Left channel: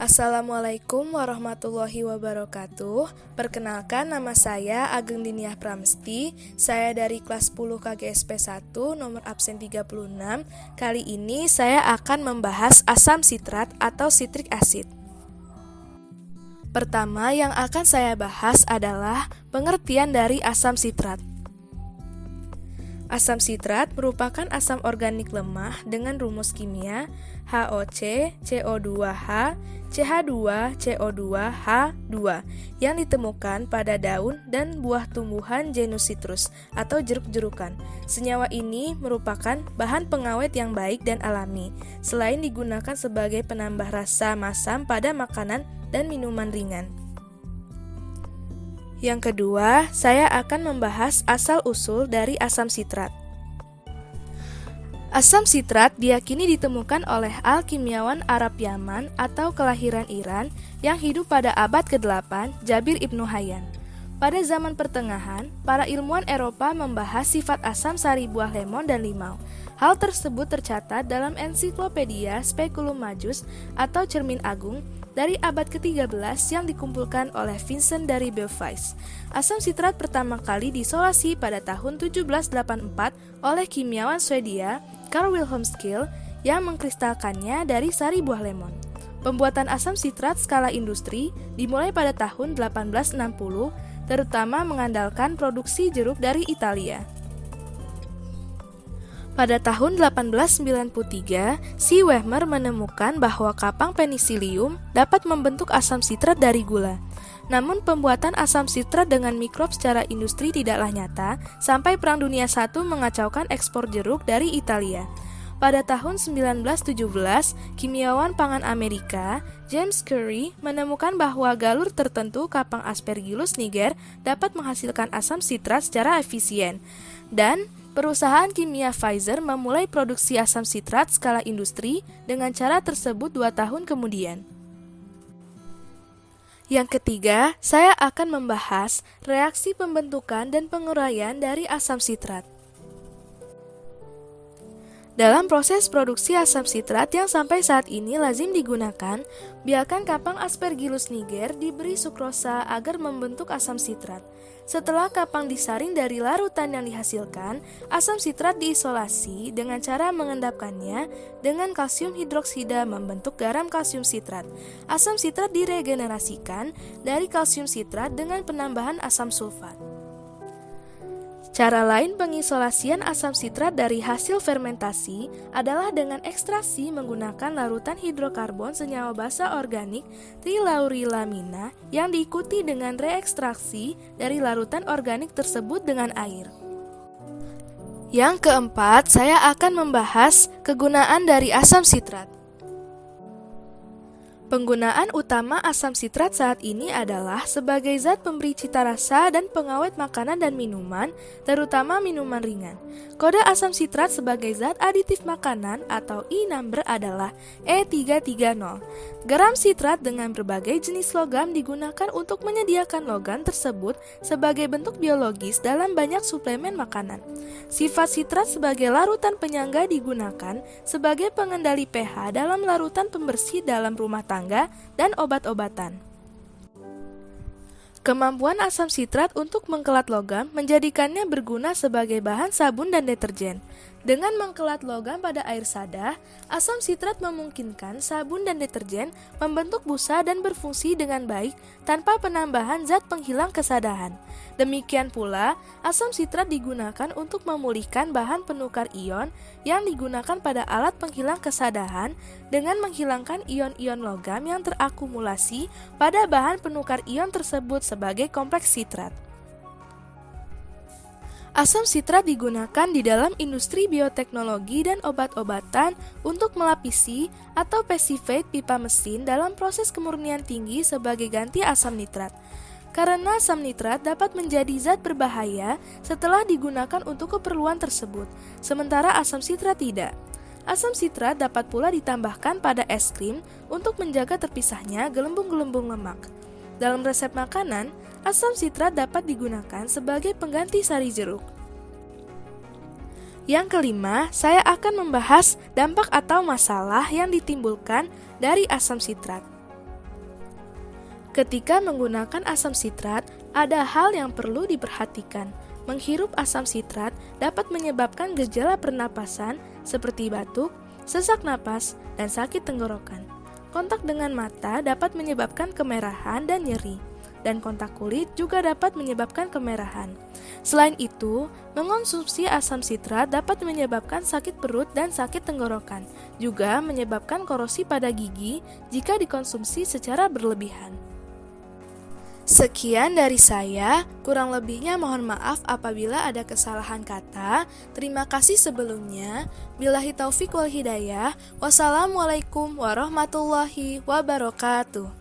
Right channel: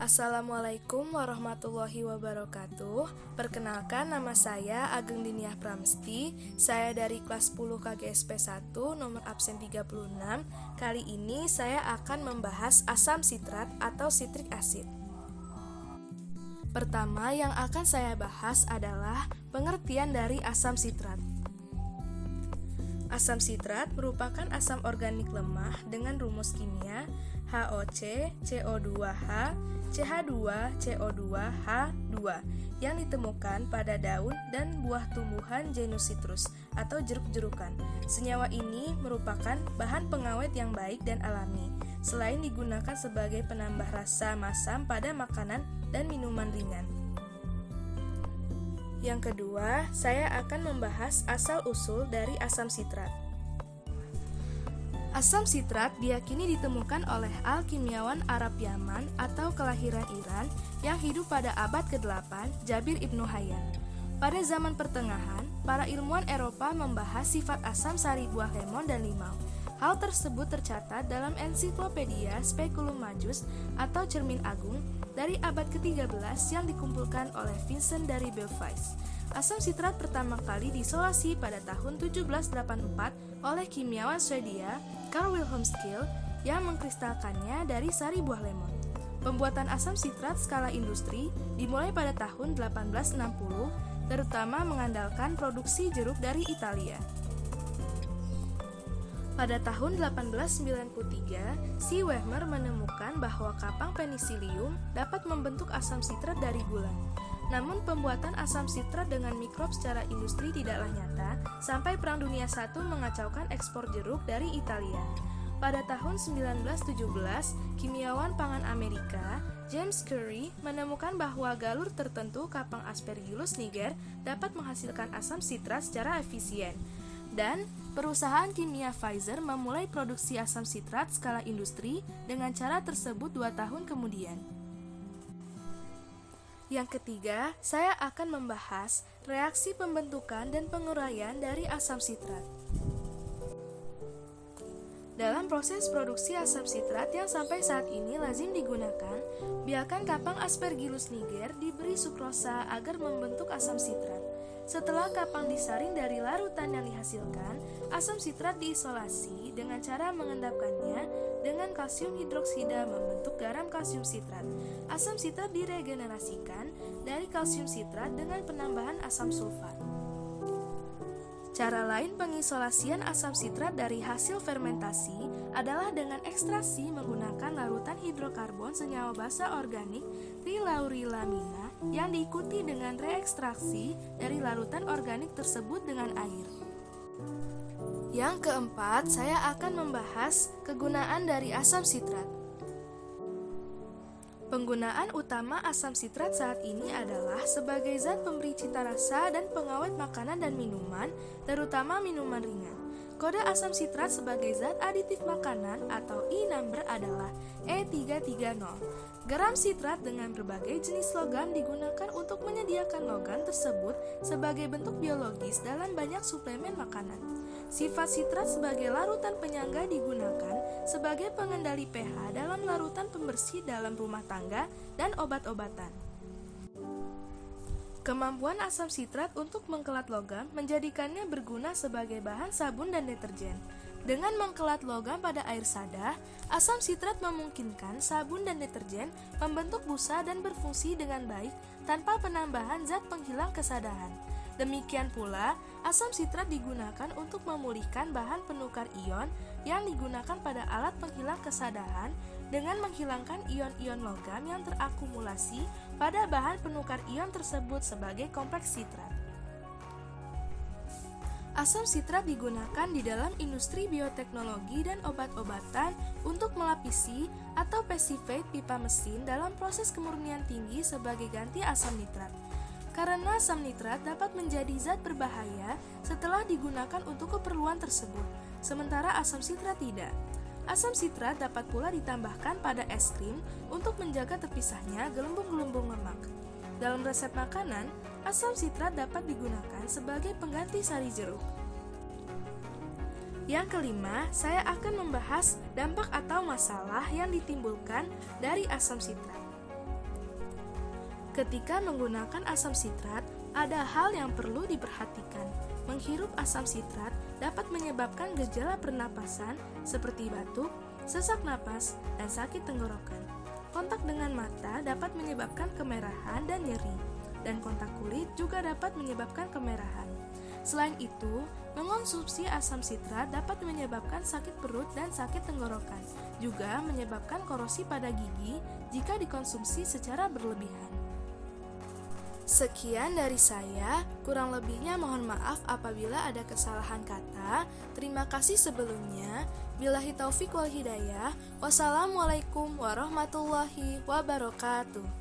Assalamualaikum warahmatullahi wabarakatuh. Perkenalkan, nama saya Ageng Diniah Pramesti. Saya dari kelas 10 KGSP 1, nomor absen 36. Kali ini saya akan membahas asam sitrat atau citric acid. Pertama yang akan saya bahas adalah pengertian dari asam sitrat. Asam sitrat merupakan asam organik lemah dengan rumus kimia HOC, CO2H, CH2, CO2H2 yang ditemukan pada daun dan buah tumbuhan genus citrus atau jeruk-jerukan. Senyawa ini merupakan bahan pengawet yang baik dan alami, selain digunakan sebagai penambah rasa masam pada makanan dan minuman ringan. Yang kedua, saya akan membahas asal-usul dari asam sitrat. Asam sitrat diyakini ditemukan oleh alkimiawan Arab Yaman atau kelahiran Iran yang hidup pada abad ke-8, Jabir Ibnu Hayyan. Pada zaman pertengahan, para ilmuwan Eropa membahas sifat asam sari buah lemon dan limau. Hal tersebut tercatat dalam ensiklopedia Speculum Majus atau Cermin Agung dari abad ke-13 yang dikumpulkan oleh Vincent dari Beauvais. Asam sitrat pertama kali diisolasi pada tahun 1784 oleh kimiawan Swedia Carl Wilhelm Scheele yang mengkristalkannya dari sari buah lemon. Pembuatan asam sitrat skala industri dimulai pada tahun 1860, terutama mengandalkan produksi jeruk dari Italia. Pada tahun 1893, si Wehmer menemukan bahwa kapang penisilium dapat membentuk asam sitrat dari gula. Namun pembuatan asam sitrat dengan mikrob secara industri tidaklah nyata sampai Perang Dunia I mengacaukan ekspor jeruk dari Italia. Pada tahun 1917, kimiawan pangan Amerika, James Curry, menemukan bahwa galur tertentu kapang Aspergillus niger dapat menghasilkan asam sitrat secara efisien. Dan perusahaan kimia Pfizer memulai produksi asam sitrat skala industri dengan cara tersebut 2 tahun kemudian. Yang ketiga, saya akan membahas reaksi pembentukan dan penguraian dari asam sitrat. Dalam proses produksi asam sitrat yang sampai saat ini lazim digunakan, biarkan kapang Aspergillus niger diberi sukrosa agar membentuk asam sitrat. Setelah kapang disaring dari larutan yang dihasilkan, asam sitrat diisolasi dengan cara mengendapkannya dengan kalsium hidroksida membentuk garam kalsium sitrat. Asam sitrat diregenerasikan dari kalsium sitrat dengan penambahan asam sulfat. Cara lain pengisolasian asam sitrat dari hasil fermentasi adalah dengan ekstraksi menggunakan larutan hidrokarbon senyawa basa organik trilaurilamina yang diikuti dengan reekstraksi dari larutan organik tersebut dengan air. Yang keempat, saya akan membahas kegunaan dari asam sitrat. Penggunaan utama asam sitrat saat ini adalah sebagai zat pemberi cita rasa dan pengawet makanan dan minuman, terutama minuman ringan. Kode asam sitrat sebagai zat aditif makanan atau E-number adalah E330. Garam sitrat dengan berbagai jenis logam digunakan untuk menyediakan logam tersebut sebagai bentuk biologis dalam banyak suplemen makanan. Sifat sitrat sebagai larutan penyangga digunakan sebagai pengendali pH dalam larutan pembersih dalam rumah tangga dan obat-obatan. Kemampuan asam sitrat untuk mengkelat logam menjadikannya berguna sebagai bahan sabun dan deterjen. Dengan mengkelat logam pada air sada, asam sitrat memungkinkan sabun dan deterjen membentuk busa dan berfungsi dengan baik tanpa penambahan zat penghilang kesadahan. Demikian pula, asam sitrat digunakan untuk memulihkan bahan penukar ion yang digunakan pada alat penghilang kesadahan dengan menghilangkan ion-ion logam yang terakumulasi pada bahan penukar ion tersebut sebagai kompleks sitrat. Asam sitrat digunakan di dalam industri bioteknologi dan obat-obatan untuk melapisi atau passivate pipa mesin dalam proses kemurnian tinggi sebagai ganti asam nitrat. Karena asam nitrat dapat menjadi zat berbahaya setelah digunakan untuk keperluan tersebut, sementara asam sitrat tidak. Asam sitrat dapat pula ditambahkan pada es krim untuk menjaga terpisahnya gelembung-gelembung lemak. Dalam resep makanan, asam sitrat dapat digunakan sebagai pengganti sari jeruk. Yang kelima, saya akan membahas dampak atau masalah yang ditimbulkan dari asam sitrat. Ketika menggunakan asam sitrat, ada hal yang perlu diperhatikan. Menghirup asam sitrat dapat menyebabkan gejala pernapasan seperti batuk, sesak napas, dan sakit tenggorokan. Kontak dengan mata dapat menyebabkan kemerahan dan nyeri, dan kontak kulit juga dapat menyebabkan kemerahan. Selain itu, mengonsumsi asam sitrat dapat menyebabkan sakit perut dan sakit tenggorokan, juga menyebabkan korosi pada gigi jika dikonsumsi secara berlebihan. Sekian dari saya, kurang lebihnya mohon maaf apabila ada kesalahan kata. Terima kasih sebelumnya. Billahi taufik wal hidayah. Wassalamualaikum warahmatullahi wabarakatuh.